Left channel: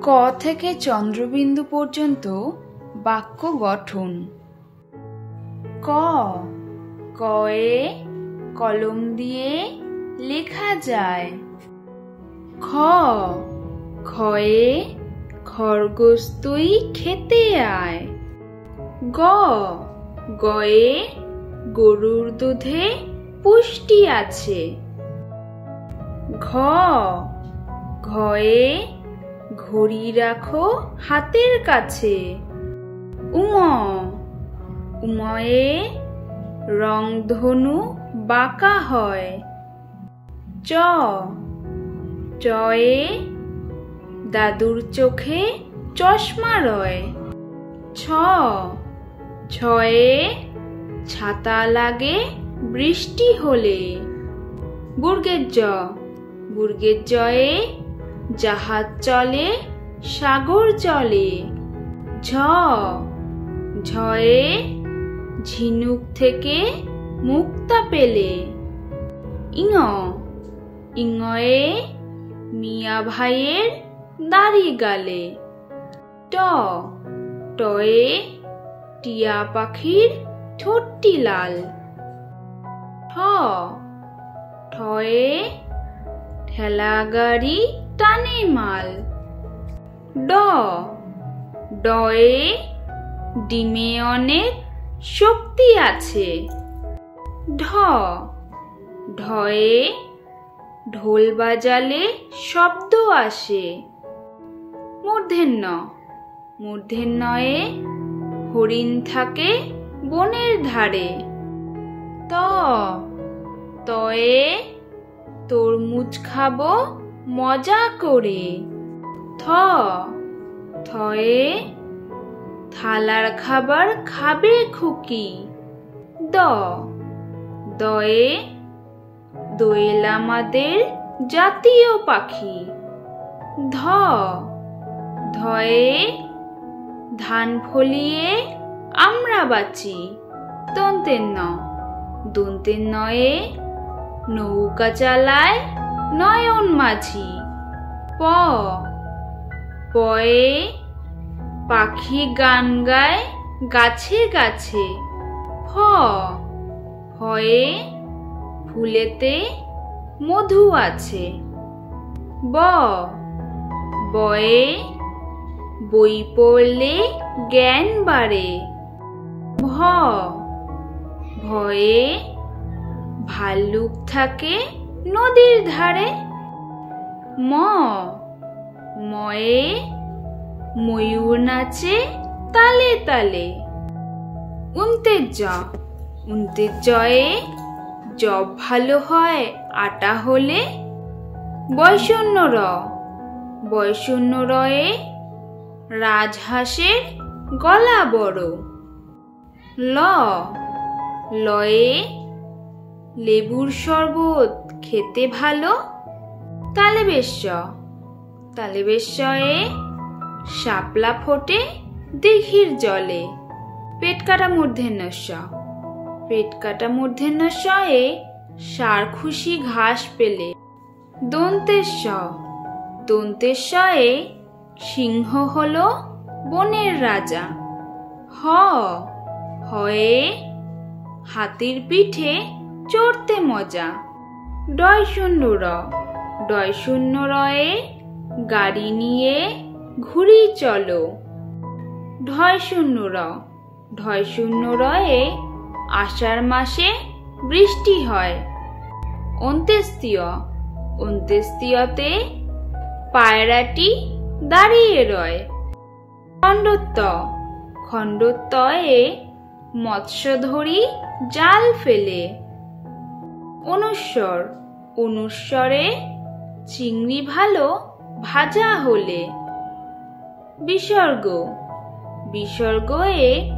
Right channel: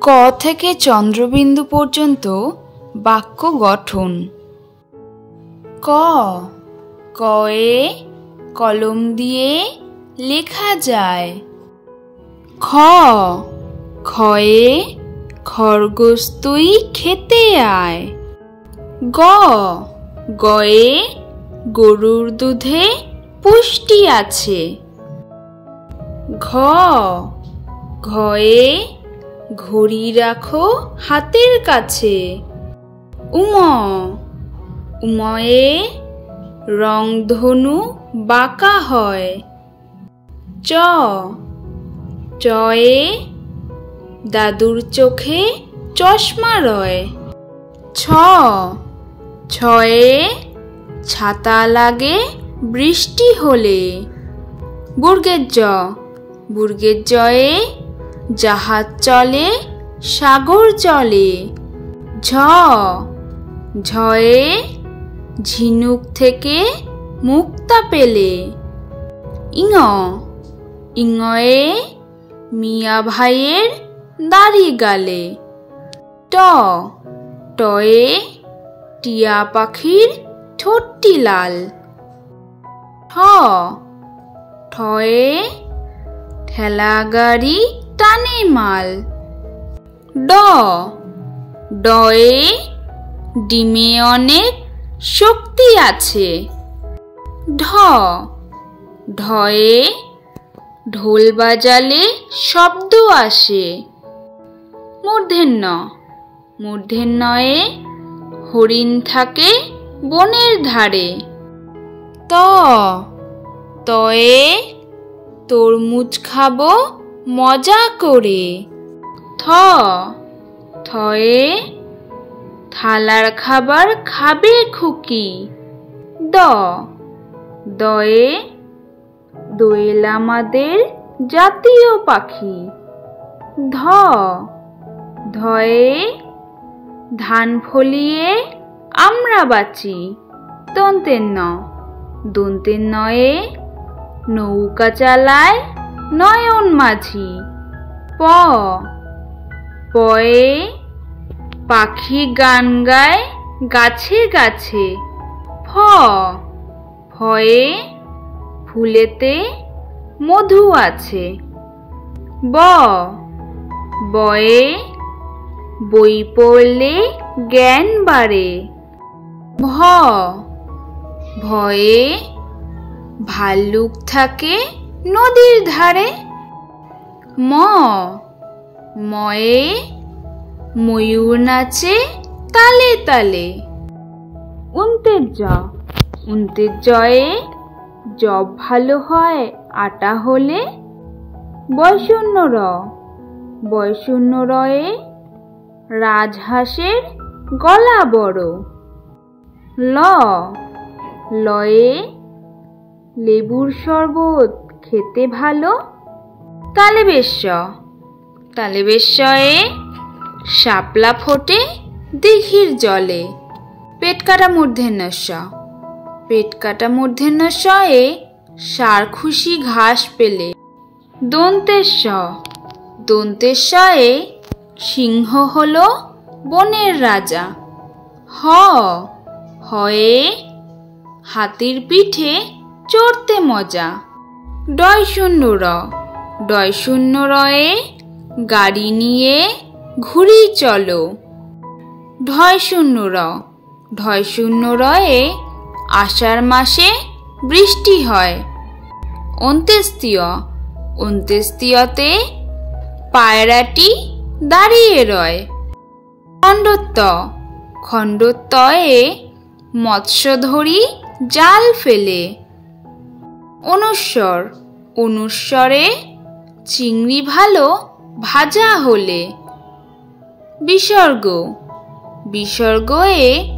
ক থেকে চন্দ্রবিন্দু পর্যন্ত বাক্য গঠন। ক, কয়ে কলম দিয়ে লেখা যায়। খ, খয়ে খরগোশ তুই খেতে আয়। গ, গয়ে গরুর দুধে পুষ্টি আছে। ঘ, ঘয়ে ঘড়ি রাখো হাতের কাছে। উম, উময়ে রংধনু বাঁকা হয়। চ, চয়ে দাদুর চোখে চশমা রয়। ছ, ছয়ে ছাতা লাগে বৃষ্টি হলে। বর্গের জ, বর্গের জয়ে জাহাজ চলে সাগর চলে। ঝ, ঝয়ে ঝিনুক থেকে মুক্তা পেলে। ইঙ, ইঙয়ে মিয়া ভাইয়ের দাড়ি গালে। ট, টয়ে টিয়া পাখির ঠোঁটটি লাল। ঠ, ঠয়ে ঠেলা গাড়ি টানে মাল। ড, ডয়ে ডিমে অনেক শক্তি আছে। ঢ, ঢয়ে ঢোল বাজালে শব্দ আসে। মূর্ধন্য, মূর্ধন্যয়ে হরিণ থাকে বনের ধারে। ত, তয়ে তরমুজ খাবো মজা করে। থ, থয়ে থালার খাবার খাবে খুকি। দ, দয়ে দোয়েল আমাদের জাতীয় পাখি। ধ, ধয়ে ধান ফলিয়ে আমরা বাঁচি। দন্তের ন, দন্তের নয়ে নৌকা চালায় নয়ন মাঝি। প, পয়ে পাখি গান গায় গাছে গাছে। ফ, ফয়ে ফুলেতে মধু আছে। ব, বয়ে বই পড়লে জ্ঞান বাড়ে। ভ, ভয়ে ভাল্লুক থাকে নদীর ধারে। ম, ময়ে ময়ূর নাচে তালে তালে। উন্তের জ, উন্তের জয়ে জব ভালো হয় আটা হলে। বয়শূন্য র, বয়শূন্য রয়ে রাজহাঁসের গলা বড়। ল, লয়ে লেবুর শরবত খেতে ভালো। তালেবেশ, তালেবেশয়ে শাপলা ফোটে দিঘির জলে। পেট কাটা মূর্ধন্য ষ, পেট কাটা মূর্ধন্য শয়ে ষাঁড় খুশি ঘাস পেলে। দন্তের স, দন্তের শয়ে সিংহ হলো বনের রাজা। হ, হয়ে হাতির পিঠে চড়তে মজা। ডয় শূন্য র, ডয় শূন্য রয়ে গাড়ি নিয়ে ঘুরি চলো। ঢয় শূন্য র, ঢয় শূন্য রয়ে আষাঢ় মাসে বৃষ্টি হয়। অন্ত্যেষ্টিয়, অন্ত্যেষ্টিয়তে পায়রাটি দাঁড়িয়ে রয়। খণ্ডত্ব, খণ্ডত্বয়ে মৎস্য ধরি জাল ফেলে। অনুস্বর, অনুস্বরে চিংড়ি ভালো ভাজা হলে। বিসর্গ, বিসর্গয়ে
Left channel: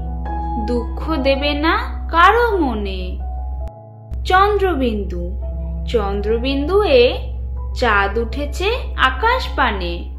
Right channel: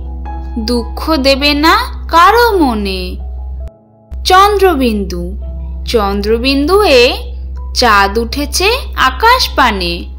দুঃখ দেবে না কারো মনে। চন্দ্রবিন্দু, চন্দ্রবিন্দুয়ে চাঁদ উঠেছে আকাশ পানে।